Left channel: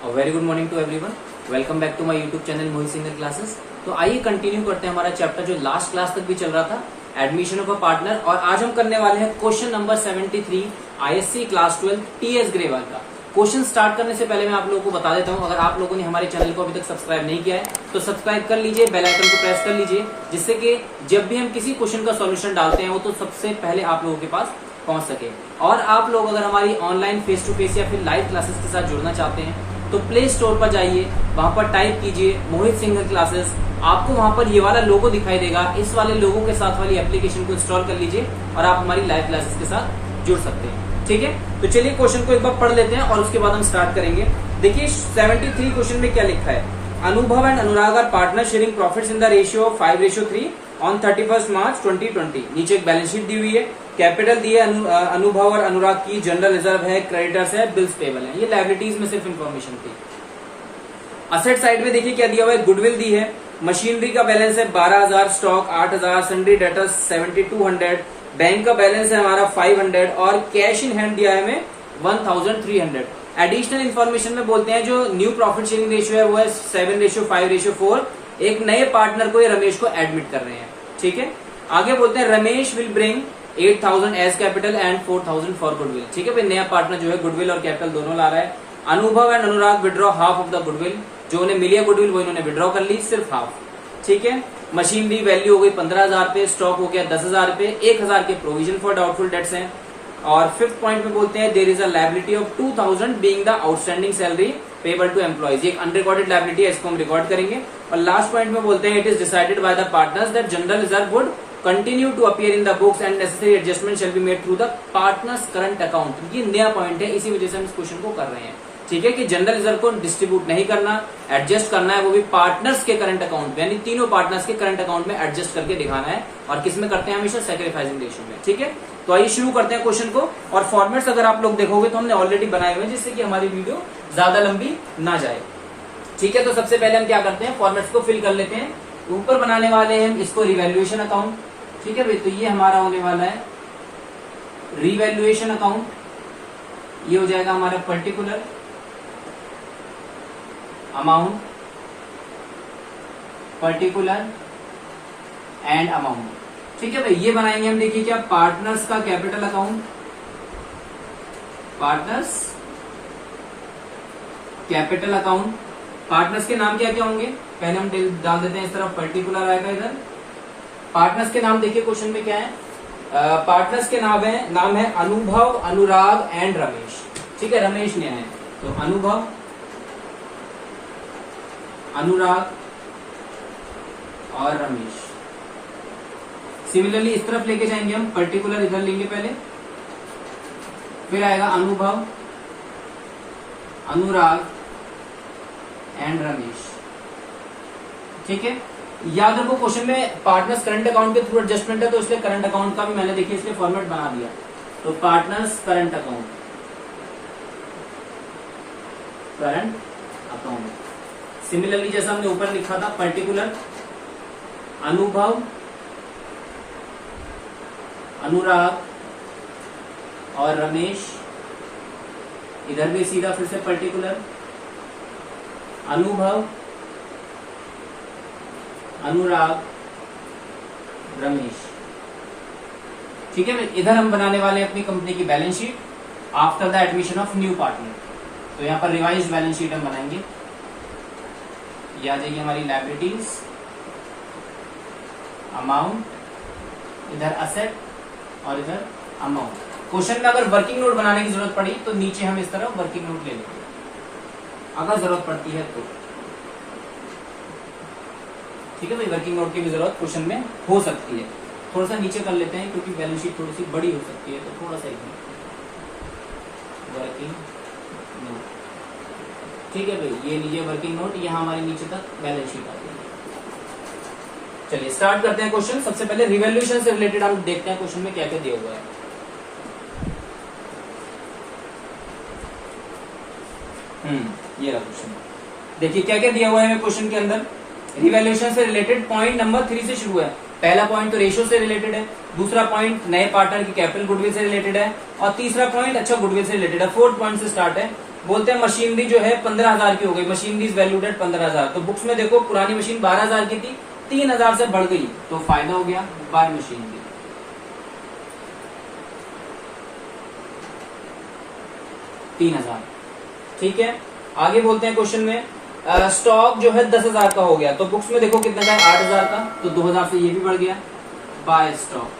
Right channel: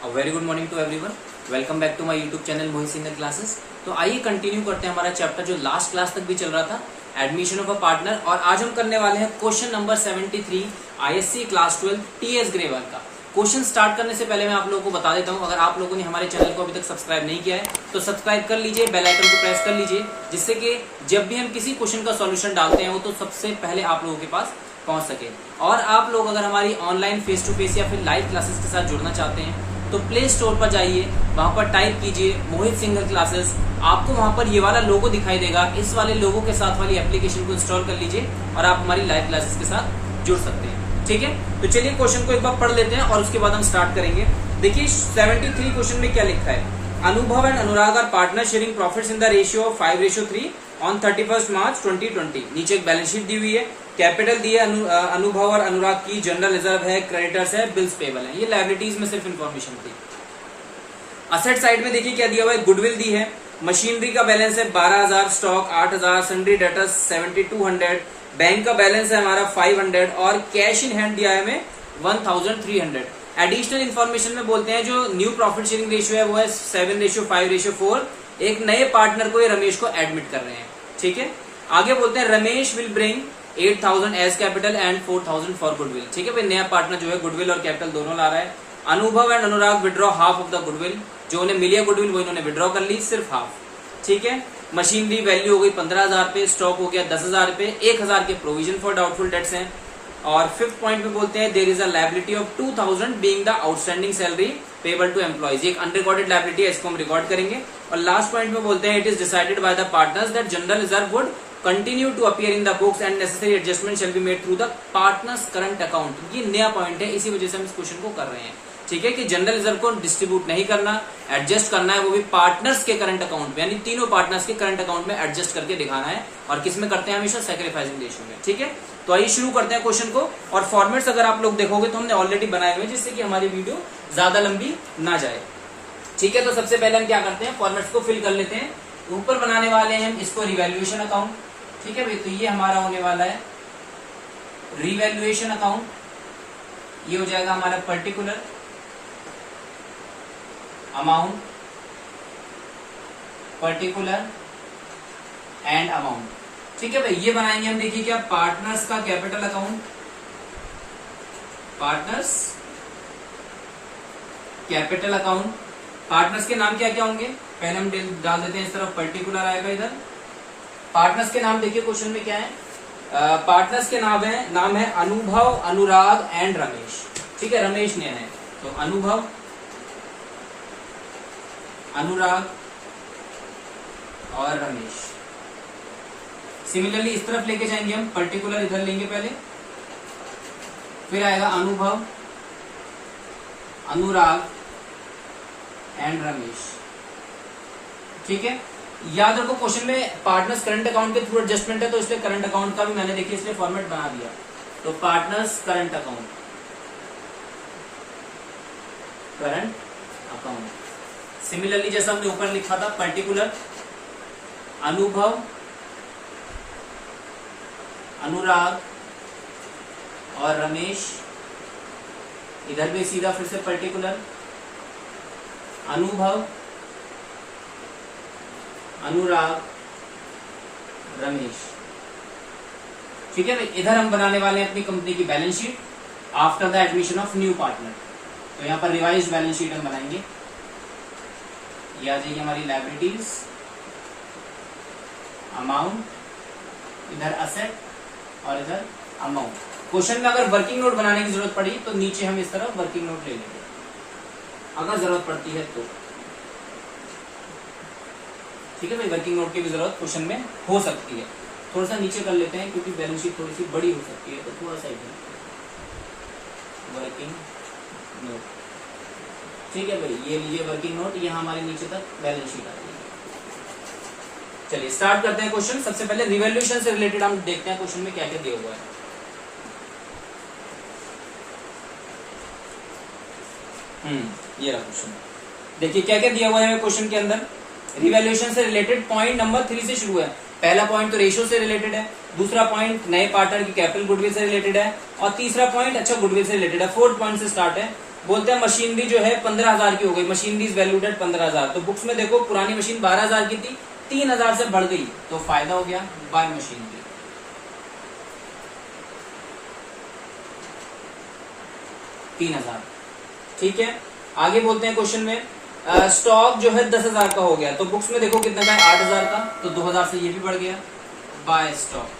Very good morning to everyone. Welcome back to my YouTube channel Mohit Singhal classes. तो आइए continue करते हैं हमारा चैप्टर जो लास्ट क्लास तक भी चल रहा था, एडमिशन ऑफ अ पार्टनर। और आज हम करने वाले हैं question number 73 ISC class 12 TS Grewal का। क्वेश्चन स्टार्ट करने से पहले मैं आप लोगों को बता देता हूं, अगर आप लोगों ने हमारे चैनल को अभी तक सब्सक्राइब नहीं किया है तो सब्सक्राइब कर लीजिए, बेल आइकन को प्रेस कर लीजिए, जिससे कि जब भी हम किसी क्वेश्चन का सॉल्यूशन डालते हैं वो तो सबसे पहले आप लोगों के पास पहुंच सके। और आप लोग अगर हमारी ऑनलाइन फेस टू फेस या फिर लाइव क्लासेस के साथ जुड़ना चाहते हैं तो प्ले स्टोर पर जाइए, वहां पर टाइप कीजिए मोहित सिंगल क्लासेस। आपको वहां पर ये वाला लोगो दिखाई देगा, इस वाले लोगो के साथ वाली एप्लीकेशन को इंस्टॉल कर लीजिए और आप हमारी लाइव क्लासेस के साथ जुड़ सकते हैं। ठीक है, तो चलिए क्वेश्चन को एक बार पढ़ लेते हैं और उसके बाद हम स्टार्ट करेंगे। देखिए 73 क्वेश्चन में क्या लिखा है। Anubhav and Anurag are partner sharing profits in the ratio of 5:3 on 31 March 2020। नीचे एक बैलेंस शीट दी हुई है, कैपिटल दी है अनुभव और अनुराग की, जनरल रिजर्व है, क्रेडिटर्स है, बिल्स पेबल है। ये लायबिलिटीज में सिर्फ इंफॉर्मेशन थी। असेट साइड में देखिए क्या दिया हुआ है, गुडविल दी है, मशीनरी का बैलेंस है 12,000, स्टॉक 8,000, सन्ड्री डेटर्स 7,200, बैंक का बैलेंस है हमारा 500 और कैश इन हैंड दिया है हमें 1,300। एडिशनल इन्फॉर्मेशन में बोलते हैं जो न्यू प्रॉफिट शेयरिंग रेशियो है वो है 7:5:4। एक नए पार्टनर को, ये रमेश को एडमिट कर रहे हैं। ठीक है, आगे बोलते हैं Ramesh will bring 8,000 as capital and 4,000 for goodwill. ठीक है भाई, नया पार्टनर जो है गुडविल और कैपिटल दोनों ला रहा है। Anubhav and Anurag withdraw half of the goodwill, जो उन्हें मिली है गुडविल वो इन्होंने विड्रॉ कर ली, सिर्फ हाफ। ठीक है, मशीनरी वैल्यू हो गई 15,000 पे, स्टॉक हो गया 10,000 पे, 1,000 के प्रोविजन फॉर डाउटफुल डेट्स हैं। और फिफ्थ पॉइंट में बोलते हैं there is a liability of 2,000 being the outstanding salary payable to employees. एक अनरिकॉर्डेड लायबिलिटी है, इसको हम रिकॉर्ड करेंगे। और लास्ट पॉइंट में बोलते हैं it is decided by the partners that general reserve would continue to appear in the books and necessary adjustment shall be made through the partners current account. ये नया पॉइंट है, इसी वजह से हम इस क्वेश्चन को कर रहे हैं। ठीक है, कि जनरल रिजर्व को डिस्ट्रीब्यूट नहीं करना, एडजस्ट करना है, वो भी पार्टनर्स के करंट अकाउंट में, यानी तीनों पार्टनर्स के करंट अकाउंट में एडजस्ट करके दिखाना है। और किस में करते हैं हमेशा, सैक्रिफाइसिंग रेशियो में। ठीक है, तो आइए शुरू करते हैं क्वेश्चन को। और फॉर्मेट्स अगर आप लोग देखोगे तो हमने ऑलरेडी बनाए हुए, जिससे कि हमारी वीडियो ज्यादा लंबी ना जाए। ठीक है, तो सबसे पहले हम क्या करते हैं, फॉर्मेट्स को फिल कर लेते हैं। ऊपर बनाने वाले हैं इसको रिवैल्यूएशन अकाउंट। ठीक है भाई, तो ये हमारा होने वाला है रिवैल्यूएशन अकाउंट। ये हो जाएगा हमारा particular amount, particular and amount. ठीक है भाई, ये बनाएंगे हम। देखिए क्या, पार्टनर्स का capital account, partners capital account. Partners के नाम क्या क्या होंगे, पहले हम डाल देते हैं इस तरफ, पर्टिकुलर आएगा इधर। पार्टनर्स के नाम देखिए क्वेश्चन में क्या है, पार्टनर्स के नाम है अनुभव, अनुराग एंड रमेश। ठीक है, रमेश ने है तो अनुभव, अनुराग और रमेश। सिमिलरली इस तरफ लेके जाएंगे हम, पर्टिकुलर इधर लेंगे पहले, फिर आएगा अनुभव, अनुराग एंड रमेश। ठीक है, याद रखो क्वेश्चन में पार्टनर्स करंट अकाउंट के थ्रू एडजस्टमेंट है, तो इसलिए करंट अकाउंट का भी मैंने देखिए इसलिए फॉर्मेट बना दिया। तो partners current account, current account. Similarly जैसा हमने ऊपर लिखा था, पर्टिकुलर अनुभव, अनुराग और रमेश। इधर भी सीधा फिर से पर्टिकुलर अनुभव, अनुराग, रमेश। ठीक है, इधर हम बनाने वाले हैं अपनी कंपनी की balance sheet after the admission of new partner. तो यहाँ पर रिवाइज बैलेंस शीट हम बनाएंगे। ये आ जाएगी हमारी लायबिलिटीज, अमाउंट, इधर असेट और इधर अमाउंट। क्वेश्चन में अगर वर्किंग नोट बनाने की जरूरत पड़ी तो नीचे हम इस तरह वर्किंग नोट ले लेंगे, अगर जरूरत पड़ती है तो। ठीक है भाई, वर्किंग नोट की भी जरूरत क्वेश्चन में हो सकती है। थोड़ा सा नीचे कर लेते हैं क्योंकि बैलेंस शीट थोड़ी सी बड़ी हो सकती है, तो थोड़ा सा इधर वर्किंग नोट। ठीक है भाई, ये लीजिए वर्किंग नोट, यहाँ हमारी नीचे तक बैलेंस शीट आ जाएगी। चलिए स्टार्ट करते हैं क्वेश्चन। सबसे पहले रिवैल्यूएशन से रिलेटेड हम देखते हैं क्वेश्चन में क्या क्या दिया हुआ है। ये रहा क्वेश्चन। देखिए क्या क्या दिया हुआ है क्वेश्चन के अंदर। रिवैल्यूएशन से रिलेटेड पॉइंट नंबर 3 से शुरू है। पहला पॉइंट तो रेशियो से रिलेटेड है, दूसरा पॉइंट नए पार्टनर की कैपिटल गुडविल से रिलेटेड है, और तीसरा पॉइंट अच्छा गुडविल से रिलेटेड है। फोर्थ पॉइंट से स्टार्ट है, बोलते हैं मशीनरी जो है 15,000 की हो गई, मशीनरी इज वैल्यूड एट 15,000। तो बुक्स में देखो पुरानी मशीन 12,000 की थी, 3,000 से बढ़ गई, तो फायदा हो गया बाय मशीनरी। 3,000, ठीक है। आगे बोलते हैं क्वेश्चन में स्टॉक जो है 10,000 का हो गया, तो बुक्स में देखो कितना का है 8,000 का, तो 2,000 से ये भी बढ़ गया, बाय स्टॉक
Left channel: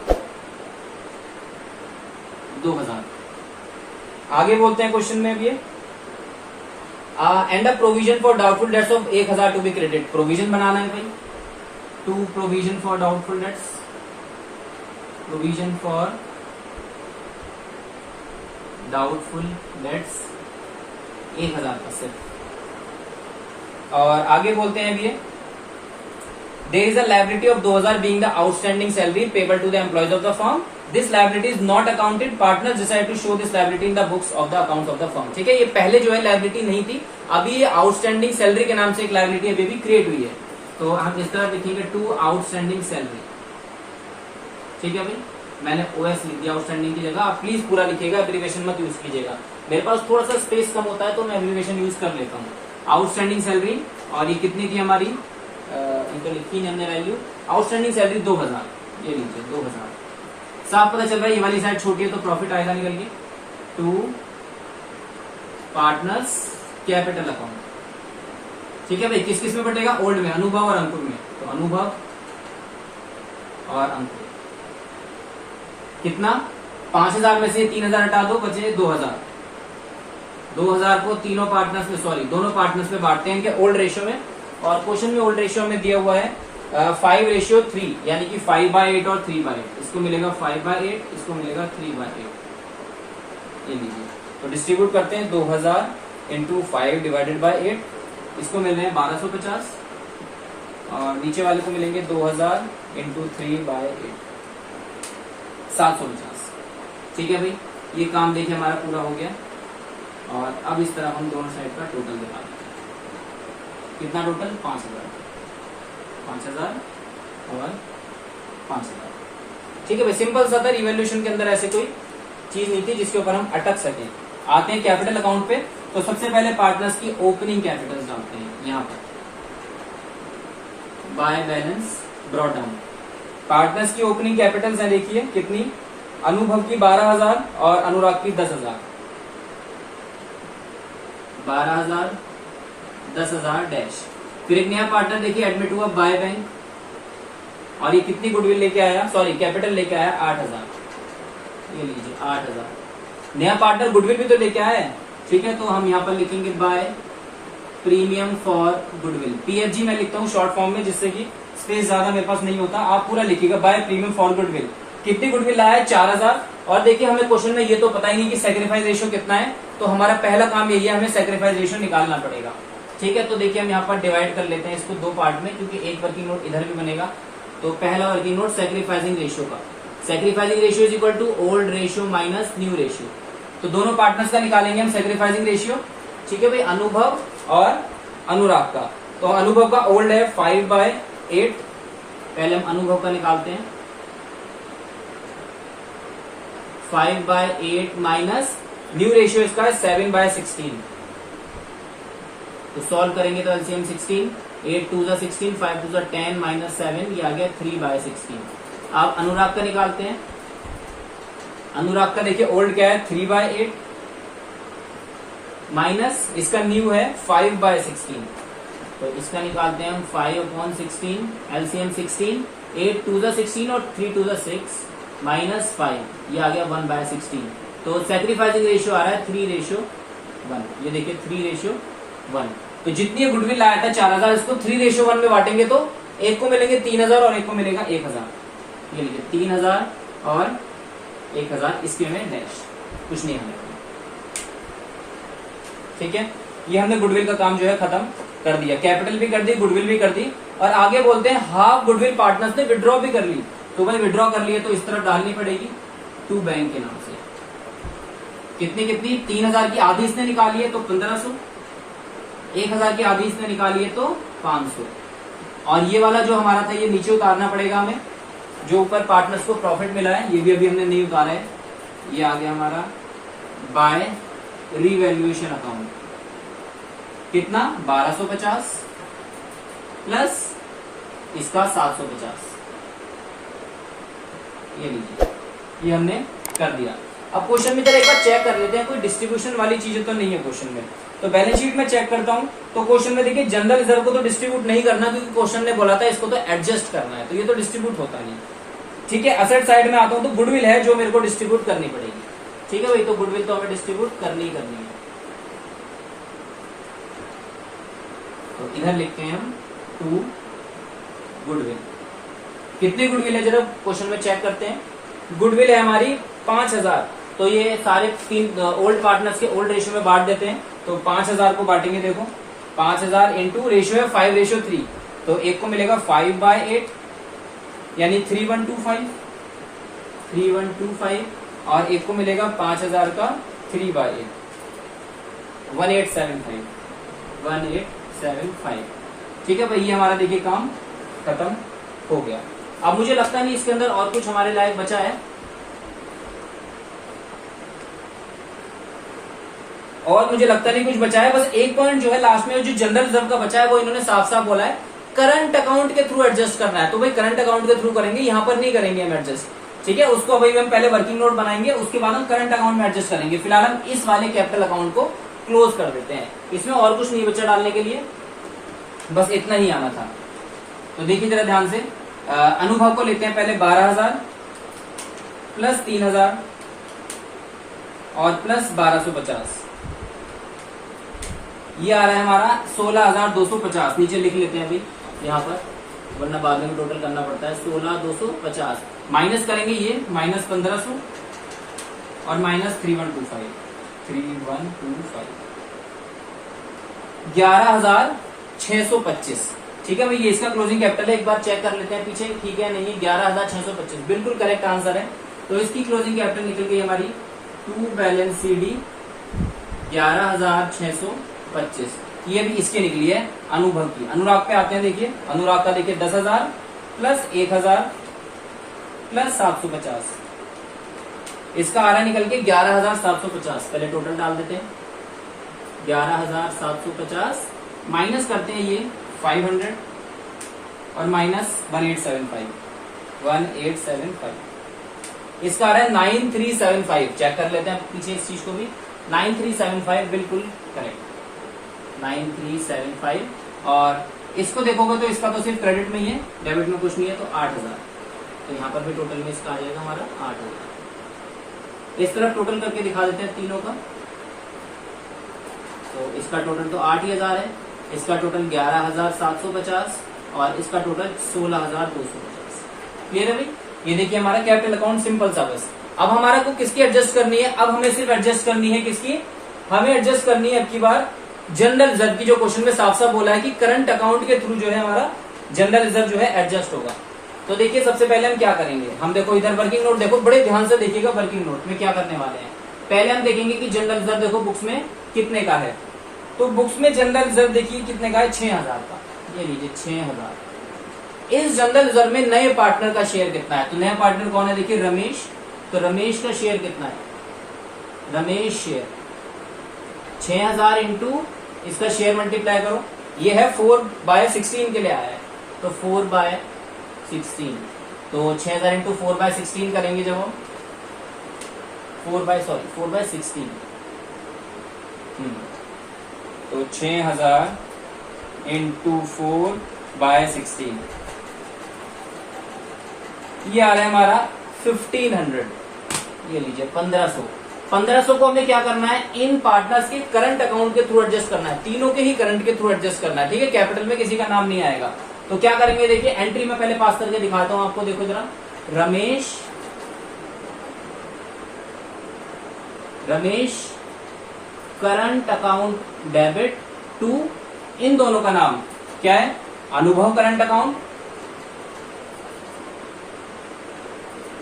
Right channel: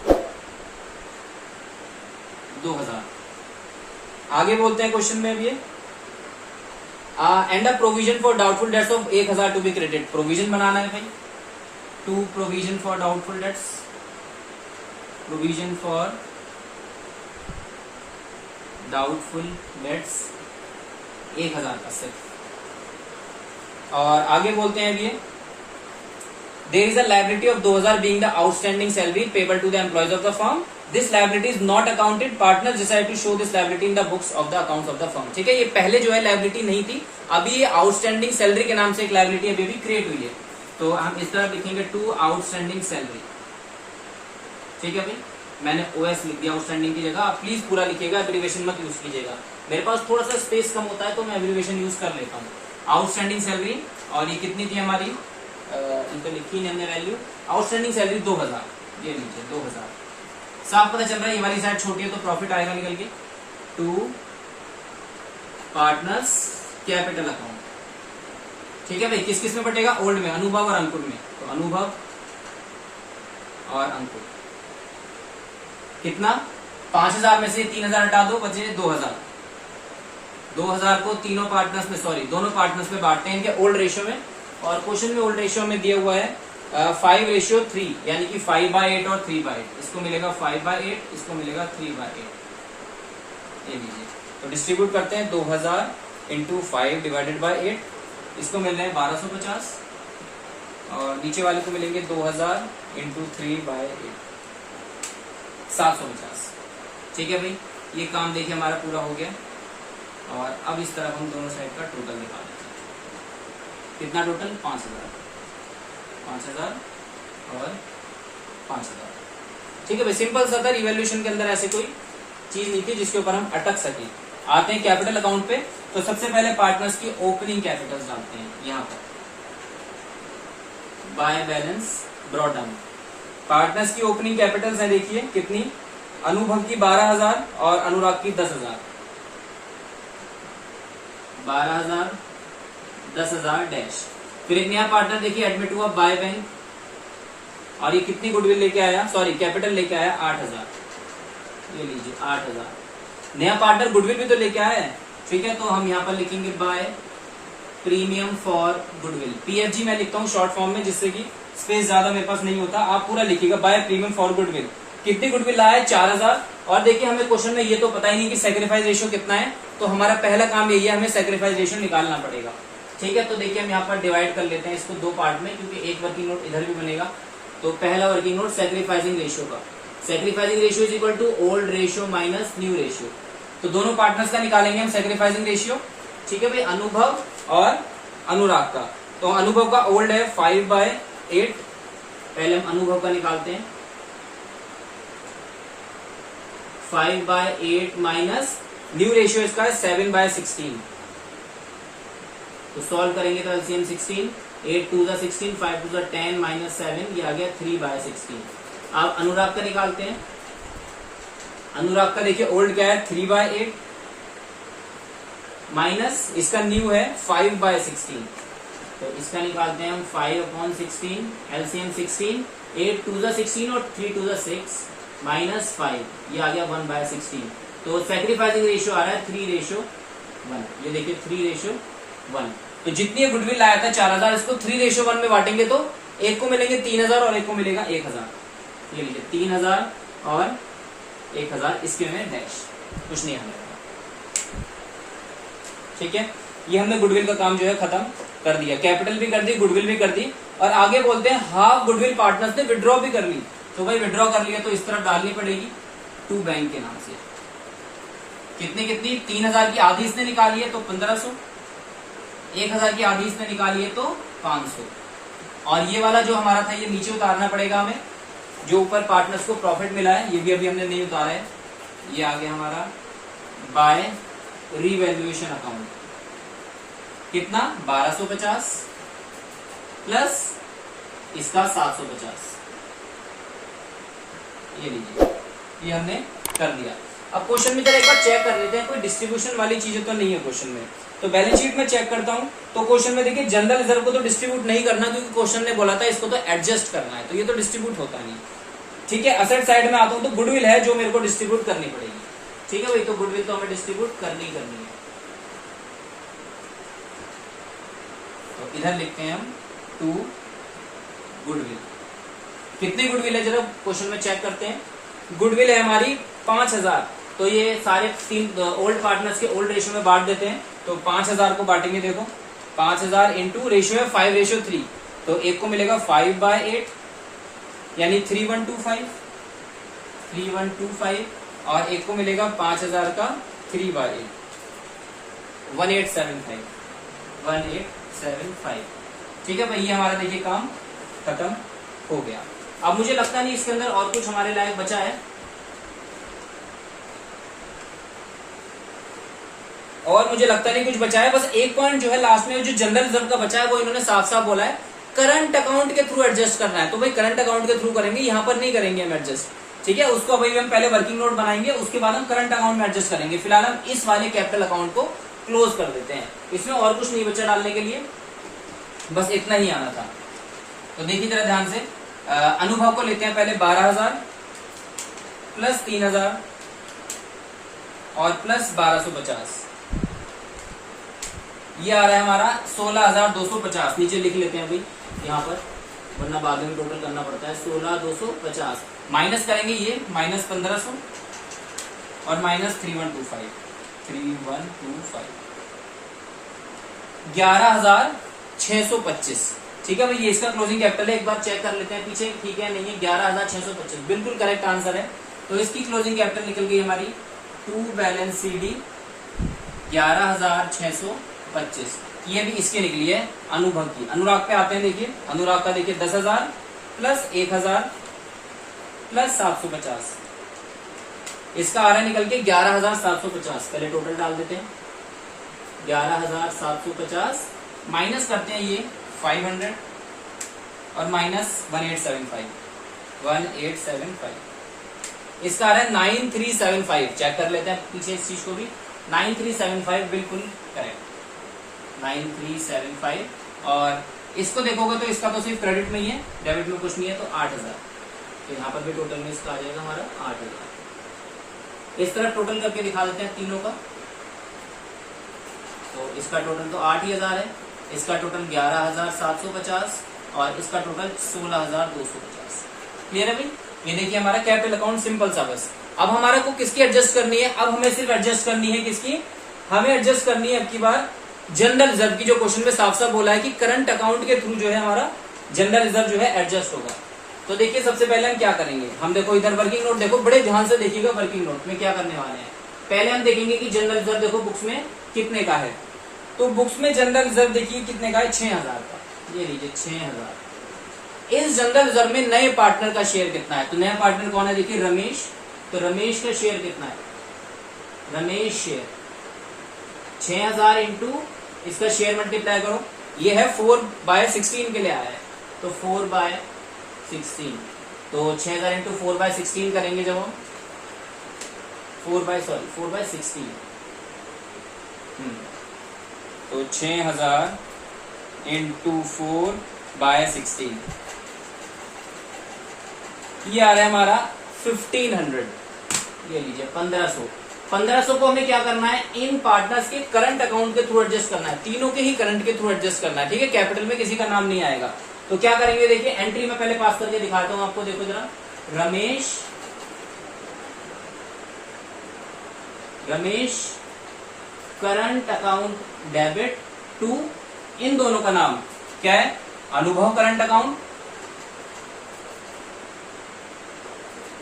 2,000। आगे बोलते हैं क्वेश्चन में ये and a provision for doubtful debts of 1,000 to be credit. Provision बनाना है भाई, to provision for doubtful debts, provision for doubtful debts 1,000 का सिर्फ। और आगे बोलते हैं ये there is a liability of 2,000 being the outstanding salary payable to the employees of the firm, this liability is not accounted, partner decide to show this liability in the books of the accounts of the firm. ठीक है, ये पहले जो है liability नहीं थी, अभी ये आउटस्टैंडिंग सैलरी के नाम से एक लायबिलिटी अभी भी क्रिएट हुई है, तो हम इस तरह लिखेंगे टू आउटस्टैंडिंग सैलरी। ठीक है भाई, मैंने ओएस लिख दिया आउटस्टैंडिंग की जगह, आप प्लीज पूरा लिखिएगा, एब्रिविएशन मत यूज कीजिएगा। मेरे पास थोड़ा सा स्पेस कम होता है तो मैं एब्रिविएशन यूज कर लेता हूँ। आउटस्टैंडिंग सैलरी, और ये कितनी थी हमारी, इनको लिखी नहीं हमने वैल्यू, आउटस्टैंडिंग सैलरी 2,000, ये लीजिए 2,000। साफ पता चल रहा है ये वाली साइड छोटी है तो प्रॉफिट आएगा निकल के, टू पार्टनर्स कैपिटल अकाउंट। ठीक है भाई, किस किस में बटेगा, ओल्ड में, अनुभव और अंकुर में, तो अनुभव और अंकुर। कितना, 5,000 में से 3,000 हटा दो, बचे 2,000। 2,000 को तीनों पार्टनर्स में, सॉरी दोनों पार्टनर्स में बांटते हैं इनके ओल्ड रेशियो में, और क्वेश्चन में ओल्ड रेशियो में दिया हुआ है 5:3, यानी कि 5/8 और 3/8। इसको मिलेगा 5/8, इसको मिलेगा 3/8। ये लीजिए, तो डिस्ट्रीब्यूट करते हैं 2,000 इंटू 5 डिवाइडेड बाई 8, इसको मिल रहे हैं 1250, और नीचे वाले को मिलेंगे 2,000 इंटू 3/8, 750। ठीक है भाई, ये काम देखिए हमारा पूरा हो गया, और अब इस तरह हम दोनों साइड का टोटल निकाल देंगे। कितना टोटल, 5,000, 5,000 और 5,000। ठीक है भाई, सिंपल सा था, इवैल्यूएशन के अंदर ऐसे कोई चीज नहीं थी जिसके ऊपर हम अटक सके। आते हैं कैपिटल अकाउंट पे, तो सबसे पहले पार्टनर्स की ओपनिंग कैपिटल्स डालते हैं यहाँ पर, by balance brought down. Partners की ओपनिंग कैपिटल्स है, देखिए कितनी, अनुभव की 12,000 और अनुराग की 10,000, 12,000 10,000 डैश। फिर एक नया पार्टनर देखिए एडमिट हुआ बाय बैंक, और ये कितनी गुडविल लेके आया, सॉरी कैपिटल लेके आया 8,000, ये लीजिए 8,000। नया पार्टनर गुडविल भी तो लेके आया है, ठीक है, तो हम यहाँ पर लिखेंगे by premium for goodwill, PFG मैं लिखता हूँ शॉर्ट फॉर्म में, जिससे कि स्पेस ज्यादा मेरे पास नहीं होता, आप पूरा लिखिएगा बाय प्रीमियम फॉर गुडविल। कितनी गुडविल लाया है, 4,000। और देखिए हमें क्वेश्चन में ये तो पता ही नहीं कि सैक्रिफाइस रेशियो कितना है, तो हमारा पहला काम यही है, हमें सैक्रिफाइस रेशियो निकालना पड़ेगा। ठीक है, तो देखिए हम यहाँ पर डिवाइड कर लेते हैं इसको दो पार्ट में, क्योंकि एक वर्किंग नोट इधर भी बनेगा। तो पहला वर्किंग नोट सैक्रिफाइसिंग रेशियो का, sacrificing ratio is equal to old ratio minus new ratio. तो दोनों पार्टनर्स का निकालेंगे हम सैक्रिफाइसिंग रेशियो। ठीक है भाई, अनुभव और अनुराग का, तो अनुभव का ओल्ड है 5/8, पहले हम अनुभव का निकालते हैं, 5/8 माइनस न्यू रेशियो इसका है 7/16। तो सॉल्व करेंगे तो एलसीएम 16, 8 2 16, 5 2 10 माइनस 7, ये आ गया 3/16। अब अनुराग का निकालते हैं, अनुराग का देखिए ओल्ड क्या है 3/8 माइनस इसका न्यू है 5/16, तो इसका निकालते हैं हम 5/16, एलसीएम 16, 8 2 16 और 3 2 6 माइनस 5, ये आ गया 1/16। तो सैक्रिफाइसिंग रेशियो आ रहा है 3:1, ये देखिए 3:1। तो जितनी गुडविल लाया था 4,000, इसको 3:1 में बांटेंगे तो एक को मिलेंगे 3,000 और एक को मिलेगा 1,000। ये लीजिए 3,000 और 1,000, इसके में डैश, कुछ नहीं हमें। ठीक है, ये हमने गुडविल का काम जो है खत्म कर दिया, कैपिटल भी कर दी, गुडविल भी कर दी। और आगे बोलते हैं हाफ गुडविल पार्टनर्स ने विड्रॉ भी कर ली, तो भाई विड्रॉ कर लिया तो इस तरफ डालनी पड़ेगी टू बैंक के नाम से। कितनी कितनी, 3,000 की आधी इसने निकाली है तो 1,500, 1,000 की आधी इसने निकाली है तो 500, और ये वाला जो हमारा था ये नीचे उतारना पड़ेगा हमें, जो ऊपर पार्टनर्स को प्रॉफिट मिला है ये भी अभी हमने नहीं उतारा है, ये आ गया हमारा बाय रिवैल्यूएशन अकाउंट कितना 1250 प्लस इसका 750, ये लीजिए, ये हमने कर दिया। अब क्वेश्चन में जरा एक बार चेक कर लेते हैं, कोई डिस्ट्रीब्यूशन वाली चीजें तो नहीं है क्वेश्चन में। तो बैलेंस शीट में चेक करता हूं, तो क्वेश्चन में देखिए जनरल रिजर्व को तो डिस्ट्रीब्यूट नहीं करना, क्योंकि क्वेश्चन ने बोला था इसको तो एडजस्ट करना है, तो ये तो डिस्ट्रीब्यूट होता नहीं। ठीक है, असेट साइड में आता हूं तो गुडविल है जो मेरे को डिस्ट्रीब्यूट करनी पड़ेगी। ठीक है भाई, तो गुडविल तो हमें डिस्ट्रीब्यूट करनी है। तो इधर लिखते हैं हम 2 गुडविल। कितनी गुडविल है जरा क्वेश्चन में चेक करते हैं। गुडविल है हमारी 5000, तो ये सारे 3 ओल्ड पार्टनर्स के ओल्ड रेशियो में बांट देते हैं। तो 5000 को बांटेंगे, देखो 5000 इंटू रेशियो है 5:3, तो एक को मिलेगा 5/8 यानी 3125 और एक को मिलेगा 5000 का 3/8 1875। ठीक है भाई, ये हमारा देखिए काम खत्म हो गया। अब मुझे लगता नहीं इसके अंदर और कुछ हमारे लायक बचा है, और मुझे लगता नहीं कुछ बचा है। बस एक पॉइंट जो है लास्ट में जो जनरल रिजर्व का बचा है वो इन्होंने साफ साफ बोला है करंट अकाउंट के थ्रू एडजस्ट करना है। तो भाई करंट अकाउंट के थ्रू करेंगे, यहाँ पर नहीं करेंगे हम एडजस्ट। ठीक है, उसको भाई हम पहले वर्किंग नोट बनाएंगे, उसके बाद हम करंट अकाउंट में एडजस्ट करेंगे। फिलहाल हम इस वाले कैपिटल अकाउंट को क्लोज कर देते हैं, इसमें और कुछ नहीं बचा डालने के लिए, बस इतना ही आना था। तो देखिए जरा ध्यान से, अनुभव को लेते हैं पहले 12000 प्लस 3000 और प्लस 1250, ये आ रहा है हमारा 16250। नीचे लिख लेते हैं अभी यहाँ पर, वरना बाद में टोटल करना पड़ता है। 16250 माइनस करेंगे, ये माइनस 1500 और माइनस 3125 11625। ठीक है भाई, ये इसका क्लोजिंग कैपिटल है। एक बार चेक कर लेते हैं पीछे, ठीक है नहीं है, 11625 बिल्कुल करेक्ट आंसर है। तो इसकी क्लोजिंग कैपिटल निकल गई हमारी 2 बैलेंस CD 11625। ये भी इसके निकली है अनुभव की। अनुराग पे आते हैं, देखिए अनुराग का देखिए 10,000 प्लस 1000 प्लस 750, इसका आ रहा है निकल के 11750। पहले टोटल डाल देते हैं, 11750 माइनस करते हैं ये 500 और माइनस 1875, इसका आ रहा है 9375। चेक कर लेते हैं पीछे इस चीज को भी, 9375 बिल्कुल करेक्ट, 9375। और इसको देखोगे तो इसका तो सिर्फ क्रेडिट में ही है, डेबिट में कुछ नहीं है, तो 8000। तो यहाँ पर भी टोटल में इसका आ जाएगा हमारा 8000। इस तरफ टोटल करके दिखा देते हैं तीनों का। तो इसका टोटल तो 8000 है, इसका टोटल 11750 और इसका टोटल 16250। क्लियर है भाई? ये देखिए हमारा कैपिटल अकाउंट सिंपल सा बस। अब हमारा को किसकी एडजस्ट करनी है? अब हमें सिर्फ एडजस्ट करनी है किसकी? हमें एडजस्ट करनी है अब की बार जनरल रिजर्व की, जो क्वेश्चन में साफ साफ बोला है कि करंट अकाउंट के थ्रू जो है हमारा जनरल रिजर्व जो है एडजस्ट होगा। तो देखिए सबसे पहले हम क्या करेंगे, हम देखो इधर वर्किंग नोट देखो, बड़े ध्यान से देखिएगा वर्किंग नोट में क्या करने वाले हैं। पहले हम देखेंगे कि जनरल रिजर्व देखो बुक्स में कितने का है। तो बुक्स में जनरल रिजर्व देखिए कितने का है, 6000 का। ये लीजिए 6000। इस जनरल रिजर्व में नए पार्टनर का शेयर कितना है? तो नया पार्टनर कौन है? देखिए रमेश। तो रमेश का शेयर कितना है? रमेश शेयर 6000 इंटू इसका शेयर मल्टीप्लाई करो, ये है 4/16 के लिए आया है, तो 4/16। तो 6000 इंटू 4/16 करेंगे जब हम 4/16, तो 6000 इंटू 4/16 ये आ रहा है हमारा 1500। ये लीजिए 1500। 1500 को हमें क्या करना है? इन पार्टनर्स के करंट अकाउंट के थ्रू एडजस्ट करना है, तीनों के ही करंट के थ्रू एडजस्ट करना है। ठीक है, कैपिटल में किसी का नाम नहीं आएगा। तो क्या करेंगे देखिए, एंट्री में पहले पास करके दिखाता हूं आपको। देखो जरा, Ramesh current account debit to, इन दोनों का नाम क्या है? Anubhav current account,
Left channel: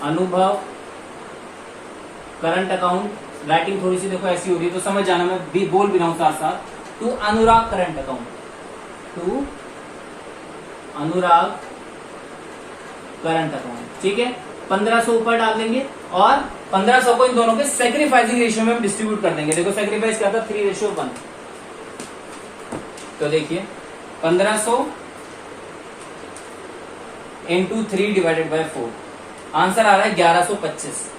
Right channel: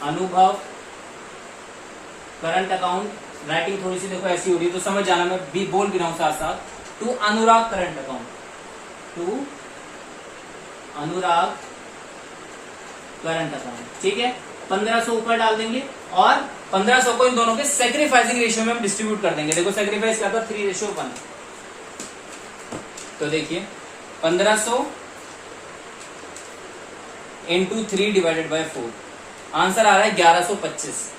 Anubhav current account. Writing थोड़ी सी देखो ऐसी हो रही है तो समझ जाना, मैं भी बोल भी रहा हूं साथ साथ। To Anurag current account, to Anurag current account. ठीक है, 1500 ऊपर डाल देंगे और 1500 को इन दोनों के सेक्रीफाइसिंग रेशियो में हम डिस्ट्रीब्यूट कर देंगे। देखो सेक्रीफाइस क्या था, 3:1। तो देखिए 1500 इंटू 3 डिवाइडेड बाय 4, आंसर आ रहा है 1125।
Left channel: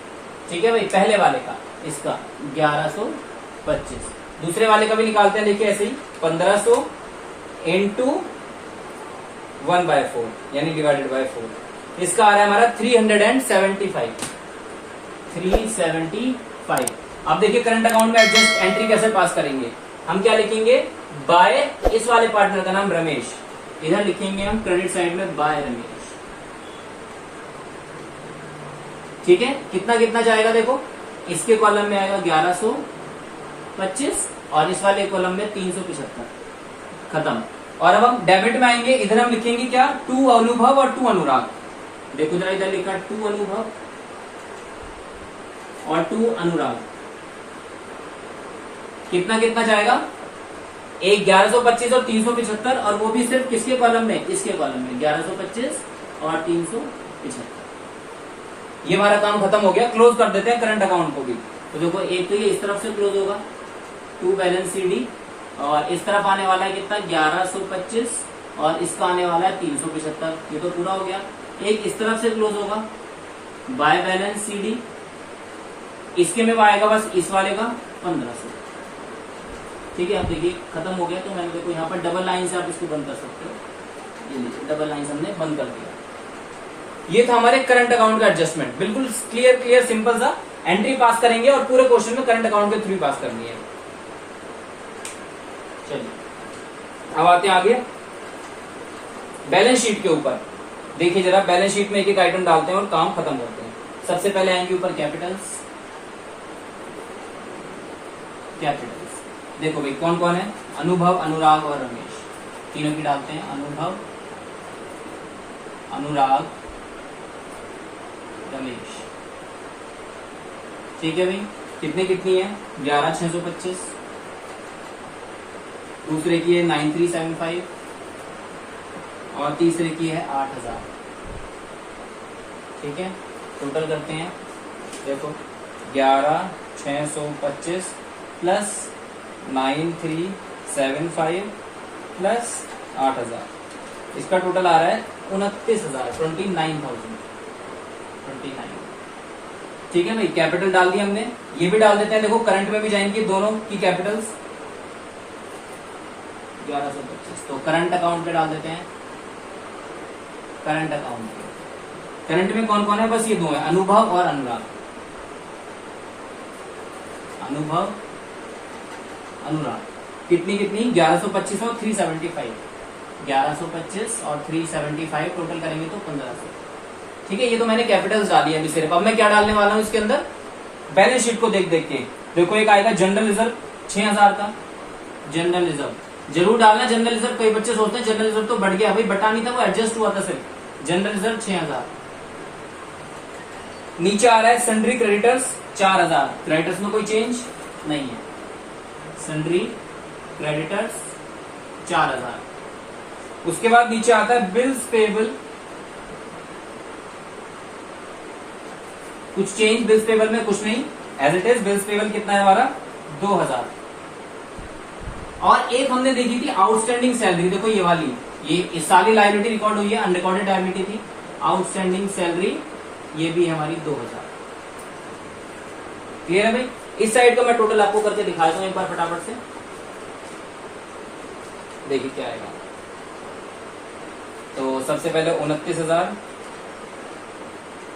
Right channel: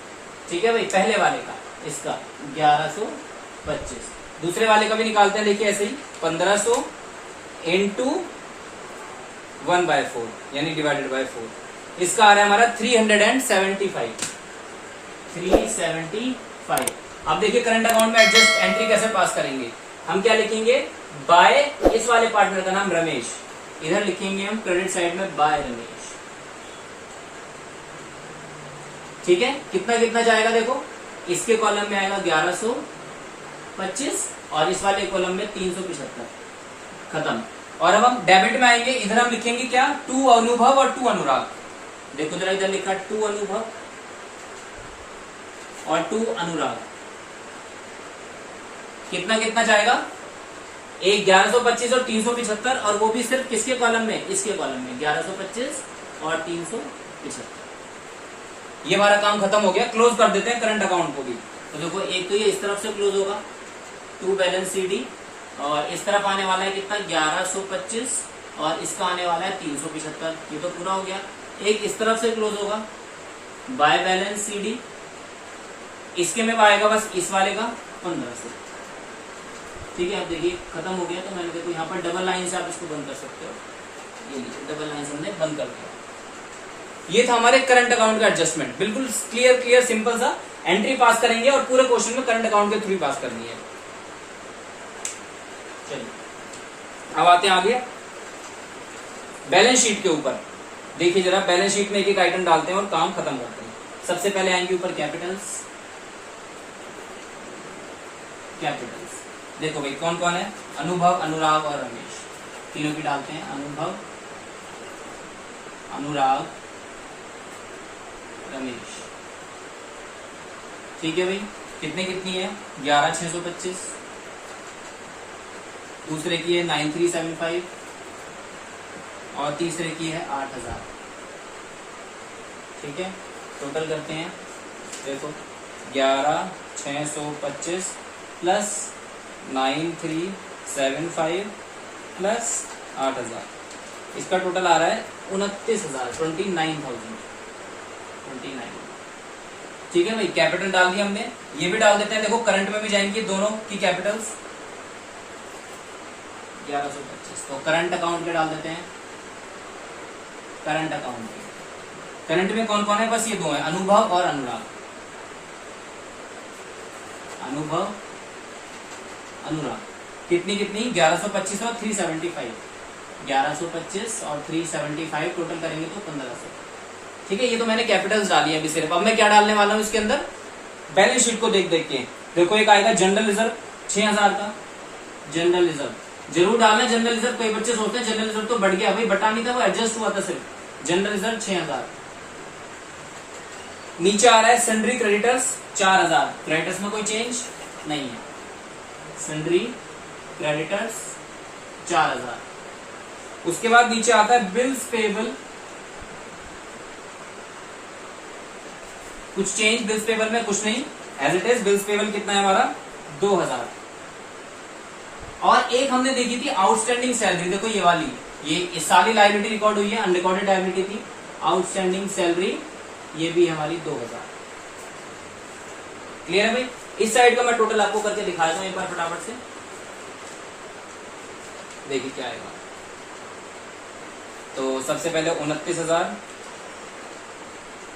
ठीक है भाई, पहले वाले का इसका 1125। दूसरे वाले का भी निकालते हैं, देखिए ऐसे ही 1500 इंटू 1/4 यानी डिवाइडेड बाय 4, इसका आ रहा है हमारा 375। 375। अब देखिए करंट अकाउंट में एडजस्ट एंट्री कैसे पास करेंगे, हम क्या लिखेंगे, बाय इस वाले पार्टनर का नाम रमेश, इधर लिखेंगे हम क्रेडिट साइड में बाय रमेश। ठीक है, कितना कितना जाएगा देखो, इसके कॉलम में आएगा 1125 और इस वाले कॉलम में 375, खत्म। और अब हम डेबिट में आएंगे, इधर हम लिखेंगे क्या, 2 अनुभव और 2 अनुराग। देखो जरा इधर लिखा 2 अनुभव और 2 अनुराग, कितना कितना जाएगा, एक 1125 और 375, और वो भी सिर्फ किसके कॉलम में, इसके कॉलम में 1125 और 375। ये हमारा काम खत्म हो गया, क्लोज कर देते हैं करंट अकाउंट को भी। तो देखो एक तो ये इस तरफ से क्लोज होगा 2 बैलेंस CD, और इस तरफ आने वाला है कितना 1125 और इसका आने वाला है 375, ये तो पूरा हो गया। एक इस तरफ से क्लोज होगा बाय बैलेंस CD, इसके में आएगा बस इस वाले का 1500। ठीक है, अब देखिए खत्म हो गया। तो मैंने देखो यहाँ पर डबल लाइन से आप इसको बंद कर सकते हो, ये लीजिए डबल लाइन से हमने बंद कर दिया। ये था हमारे करंट अकाउंट का एडजस्टमेंट, बिल्कुल क्लियर सिंपल सा। एंट्री पास करेंगे और पूरे क्वेश्चन में करंट अकाउंट के थ्रू पास करनी है। चलिए अब आते हैं आगे बैलेंस शीट के ऊपर। देखिए जरा बैलेंस शीट में एक एक आइटम डालते हैं और काम खत्म करते हैं। सबसे पहले आएंगे ऊपर कैपिटल्स। देखो भाई कौन कौन है, अनुभव, अनुराग और रमेश, तीनों की डालते हैं। अनुभव, अनुराग, रमेश। ठीक है भाई, कितने कितनी है, 11,625। दूसरे की है 9,375 और तीसरे की है 8,000। ठीक है, टोटल करते हैं। देखो 11,625 प्लस 9,375 प्लस 8,000, इसका टोटल आ रहा है 29,000, 29,000। ठीक है भाई, कैपिटल डाल दी हमने, ये भी डाल देते हैं। देखो करंट में भी जाएंगी दोनों की कैपिटल्स। 1125 तो करंट अकाउंट के डाल देते हैं। करंट अकाउंट के करंट में कौन कौन है, बस ये दो है, अनुभव और अनुराग। अनुभव, अनुराग, कितनी कितनी, 1125 और 375। 1125 और 375 टोटल करेंगे तो 1500। ठीक है, ये तो मैंने कैपिटल्स डाली है अभी सिर्फ। अब मैं क्या डालने वाला हूं इसके अंदर, बैलेंस शीट को देख देख के। देखो एक आएगा जनरल रिजर्व 6,000 का, जनरल रिजर्व जरूर डालना। जनरल रिजर्व कई बच्चे सोचते हैं जनरल रिजर्व तो बढ़ गया, भाई बटा नहीं था, वो एडजस्ट हुआ था सिर्फ। General reserve 6,000। नीचे आ रहा है सन्ड्री क्रेडिटर्स 4,000, क्रेडिटर्स में कोई चेंज नहीं है। Sundry creditors 4,000। उसके बाद नीचे आता है बिल्स पेबल, कुछ चेंज बिल्स पेबल में कुछ नहीं, as it is. Bills payable कितना है हमारा, 2,000। और एक हमने देखी थी आउटस्टैंडिंग सैलरी, देखो ये वाली, ये सारी लायबिलिटी रिकॉर्ड हुई है, अनरिकॉर्डेड लायबिलिटी थी। आउटस्टैंडिंग सैलरी ये भी हमारी 2,000। क्लियर है भाई। इस साइड का मैं टोटल आपको करके दिखाता हूं एक बार फटाफट से, देखिए क्या आएगा। तो सबसे पहले 29,000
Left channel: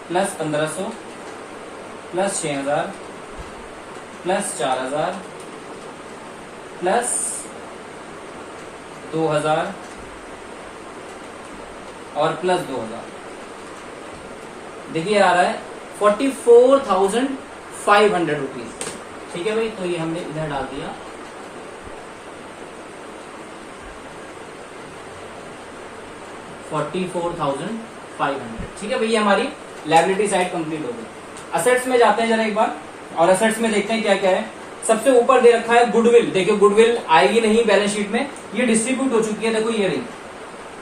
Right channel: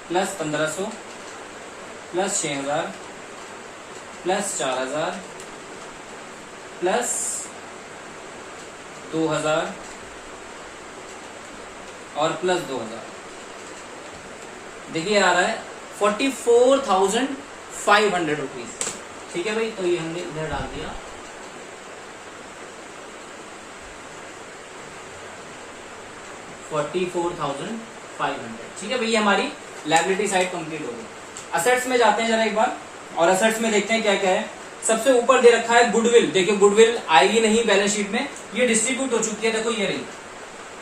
प्लस 1500 प्लस 6,000 प्लस 4,000 प्लस 2,000 और प्लस 2,000। देखिए आ रहा है 44,500 रुपीज। ठीक है भाई, तो ये हमने इधर डाल दिया। $44,500। ठीक है भैया, हमारी लायबिलिटी साइड कंप्लीट हो गई। असेट्स में जाते हैं जरा एक बार, और असेट्स में देखते हैं क्या क्या है। सबसे ऊपर दे रखा है गुडविल। देखिए गुडविल आएगी नहीं बैलेंस शीट में, ये डिस्ट्रीब्यूट हो चुकी है। देखो ये रही,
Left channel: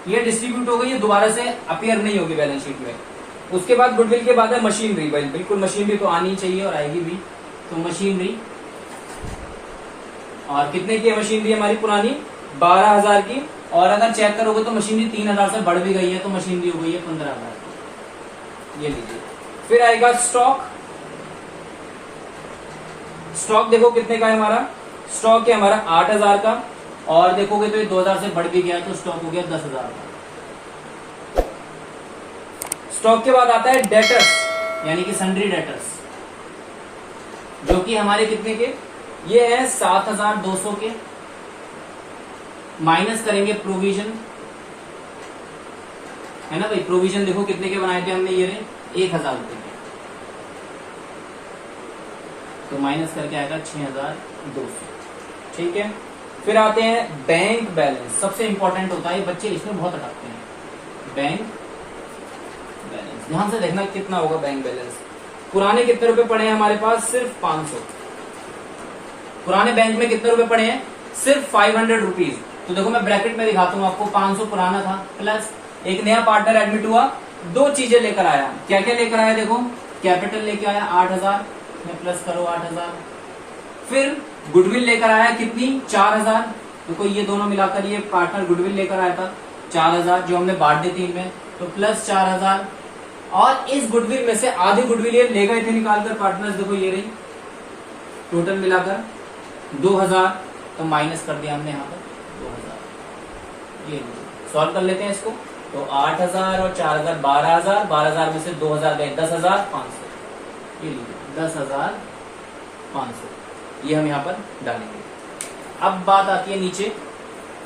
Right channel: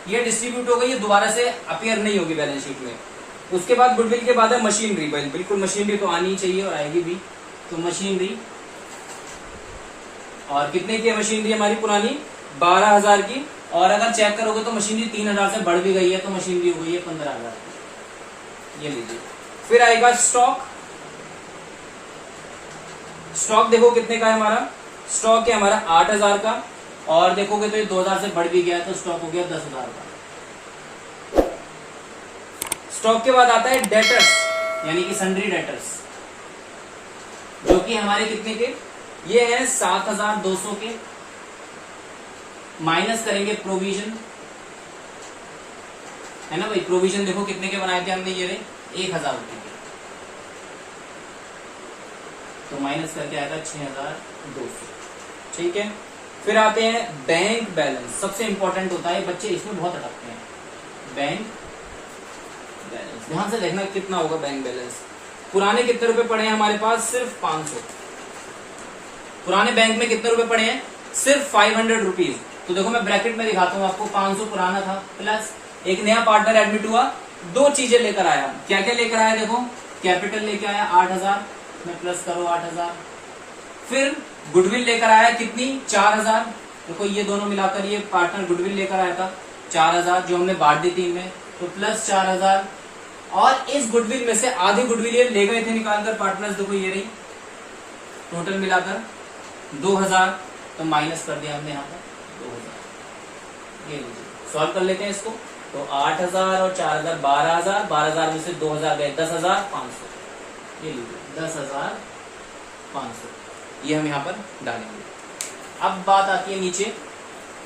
ये डिस्ट्रीब्यूट हो गई, ये दोबारा से अपीयर नहीं होगी बैलेंस शीट में। उसके बाद गुडविल के बाद है मशीनरी। बिल्कुल मशीनरी तो आनी चाहिए और आएगी भी। तो मशीनरी, और कितने की है मशीनरी हमारी पुरानी? 12,000 की। और अगर चेक करोगे तो मशीनरी 3,000 से बढ़ भी गई है, तो मशीनरी हो गई है 15,000। ये लीजिए। फिर आएगा स्टॉक। स्टॉक देखो कितने का है हमारा? स्टॉक है हमारा 8,000 का, और देखोगे तो ये 2,000 से बढ़ भी गया, तो स्टॉक हो गया 10,000 का। स्टॉक के बाद आता है डेटर्स, यानी कि सन्ड्री डेटर्स, जो कि हमारे कितने के? ये है 7,200 के। माइनस करेंगे प्रोविजन, है ना भाई। प्रोविजन देखो कितने के बनाए थे हमने, ये 1,000 रुपए के, तो माइनस करके आएगा 6,200। ठीक है। फिर आते हैं बैंक बैलेंस। सबसे इंपॉर्टेंट होता है, बच्चे इसमें बहुत अटकते हैं। बैंक बैलेंस ध्यान से देखना कितना होगा बैंक बैलेंस। पुराने कितने रुपए पड़े हैं हमारे पास? सिर्फ 500। पुराने बैंक में कितने रुपए पड़े हैं? सिर्फ 500 रुपीज। तो देखो मैं ब्रैकेट में दिखाता हूँ आपको। 500 पुराना था, प्लस एक नया पार्टनर एडमिट हुआ, दो चीजें लेकर आया। क्या क्या लेकर आया? देखो कैपिटल लेकर आया 8,000 में, प्लस करो 8,000। फिर गुडविल लेकर आया कितनी? 4,000। देखो ये दोनों मिलाकर ये पार्टनर गुडविल लेकर आया था 4,000, जो हमने बांट दी 3 में, तो प्लस 4,000। और इस गुडविल में से आधी गुडविल ये ले गए थे निकालकर पार्टनर्स। देखो ये रही, टोटल मिलाकर 2,000, तो माइनस कर दिया हमने यहाँ पर 2,000। ये सॉल्व कर लेते हैं इसको। तो 8,000 और 4,000 12,000, 12,000 में से 2,000 गए 10,500। ये लीजिए 10,500, ये हम यहाँ पर डालेंगे। अब बात आती है नीचे,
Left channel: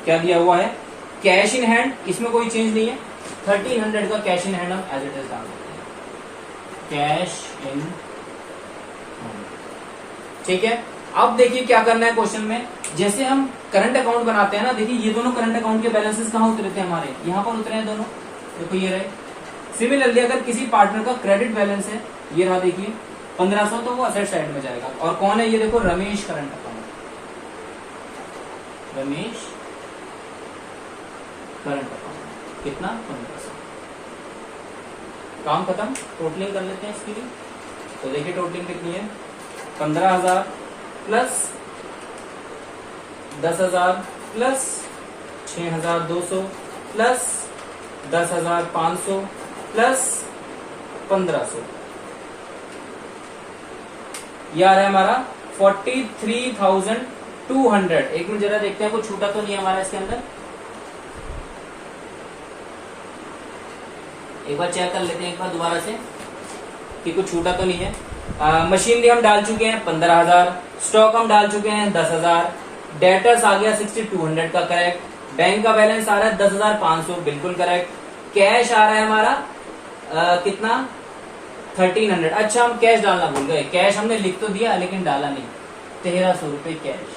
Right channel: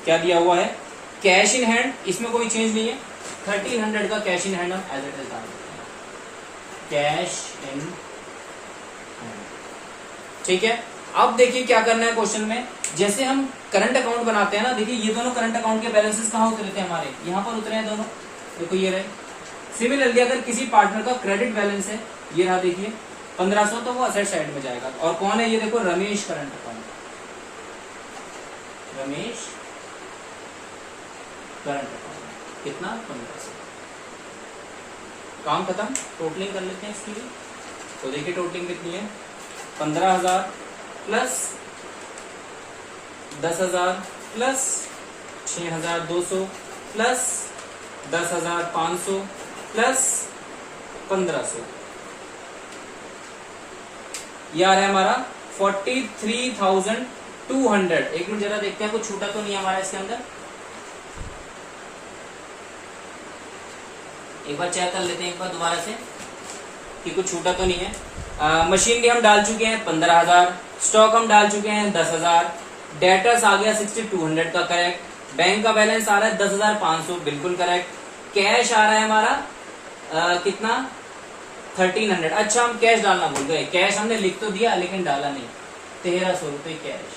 क्या दिया हुआ है? Cash in hand. इसमें कोई चेंज नहीं है, 1300 का कैश इन हैंड हम एज इट इज डाल देते हैं, कैश इन हैंड। ठीक है। अब देखिए क्या करना है क्वेश्चन में। जैसे हम करंट अकाउंट बनाते हैं ना, देखिए ये दोनों करंट अकाउंट के बैलेंसेस कहाँ उतरे थे हमारे? यहाँ पर उतरे हैं दोनों। देखो ये रहे। सिमिलरली अगर किसी पार्टनर का क्रेडिट बैलेंस है, ये रहा देखिए 1500, तो वो असेट साइड में जाएगा। और कौन है ये? देखो Ramesh current account, Ramesh current account कितना? 1500। काम खत्म। टोटलिंग कर लेते हैं इसकी भी। तो देखिए टोटलिंग कितनी है? 15,000 प्लस 10,000 प्लस 6,200 प्लस 10,500 प्लस 1,500, ये आ रहा है हमारा 43,200। एक मिनट जरा देखते हैं कुछ छूटा तो नहीं है हमारा इसके अंदर। एक बार चेक कर लेते हैं एक बार दोबारा से कि कुछ छूटा तो नहीं है। मशीनरी हम डाल चुके हैं 15,000, स्टॉक हम डाल चुके हैं 10,000, डेटर्स आ गया 6,200 का करेक्ट, बैंक का बैलेंस आ रहा है 10,500 बिल्कुल करेक्ट, कैश आ रहा है हमारा कितना 1,300। अच्छा हम कैश डालना भूल गए, कैश हमने लिख तो दिया लेकिन डाला नहीं, 1,300 रुपए कैश,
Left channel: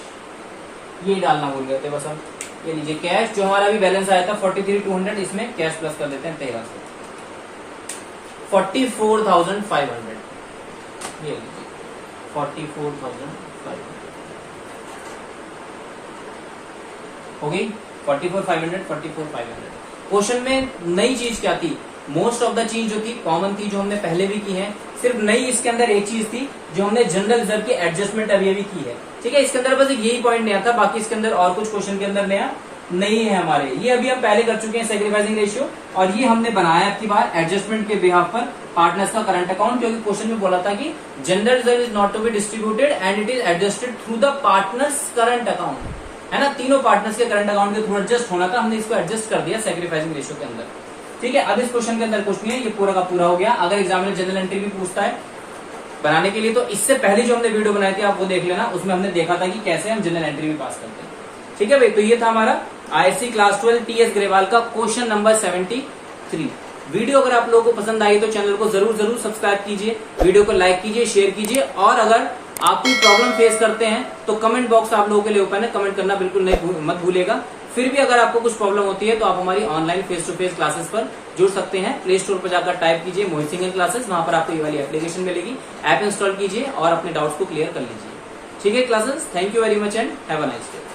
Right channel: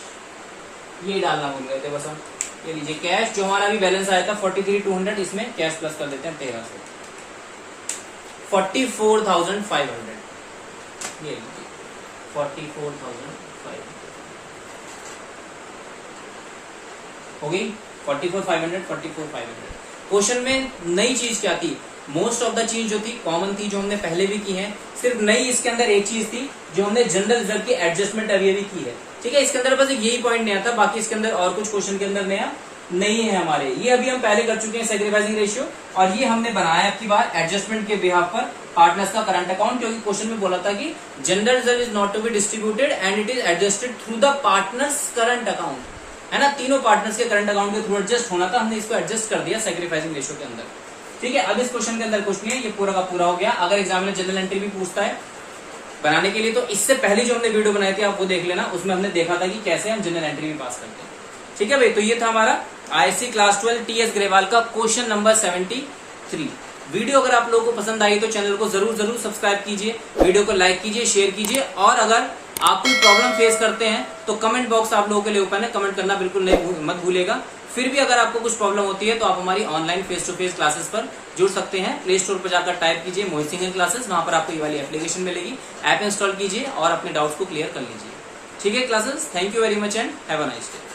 ये डालना भूल गए थे बस हम। ये लीजिए कैश जो हमारा भी बैलेंस आया था 43,200, इसमें कैश प्लस कर देते हैं 1,300, 44,500। ये लीजिए 44,500 हो गई। 44,500 44,500। क्वेश्चन में नई चीज क्या थी? मोस्ट ऑफ द चीज जो थी कॉमन थी, जो हमने पहले भी की है। सिर्फ नई इसके अंदर एक चीज थी जो हमने जनरल रिजर्व की एडजस्टमेंट अभी अभी की है। ठीक है, इसके अंदर बस यही पॉइंट नया था, बाकी इसके अंदर और कुछ क्वेश्चन के अंदर नया नहीं है हमारे। ये अभी हम पहले कर चुके हैं सैक्रिफाइसिंग रेशियो, और ये हमने बनाया आपकी बार एडजस्टमेंट के बिहाफ पर पार्टनर्स का करंट अकाउंट, क्योंकि क्वेश्चन में बोला था कि general reserve is not to be distributed and it is adjusted through the partners current account, है ना। तीनों पार्टनर्स के करंट अकाउंट के थ्रू एडजस्ट होना था, हमने इसको एडजस्ट कर दिया सैक्रिफाइसिंग रेशियो के अंदर। ठीक है, अब इस क्वेश्चन के अंदर कुछ नहीं है, ये पूरा का पूरा हो गया। अगर एग्जामिनर जनरल एंट्री भी पूछता है बनाने के लिए, तो इससे पहले जो हमने वीडियो बनाई थी आप वो देख लेना, उसमें हमने देखा था कि कैसे हम जनरल एंट्री भी पास करते हैं। ठीक है भाई, तो ये था हमारा आईएससी क्लास 12 टीएस ग्रेवाल का क्वेश्चन नंबर 73। वीडियो अगर आप लोगों को पसंद आई तो चैनल को जरूर सब्सक्राइब कीजिए, वीडियो को लाइक कीजिए, शेयर कीजिए, और अगर आप कोई प्रॉब्लम फेस करते हैं तो कमेंट बॉक्स आप लोगों के लिए ओपन है, कमेंट करना बिल्कुल मत भूलिएगा। फिर भी अगर आपको कुछ प्रॉब्लम होती है तो आप हमारी online face to face classes पर जुड़ सकते हैं। प्ले स्टोर पर जाकर टाइप कीजिए मोहित सिंह क्लासेस, वहां पर आपको ये वाली एप्लीकेशन मिलेगी, ऐप इंस्टॉल कीजिए और अपने डाउट्स को क्लियर कर लीजिए। ठीक है classes, thank you very much and have a nice day.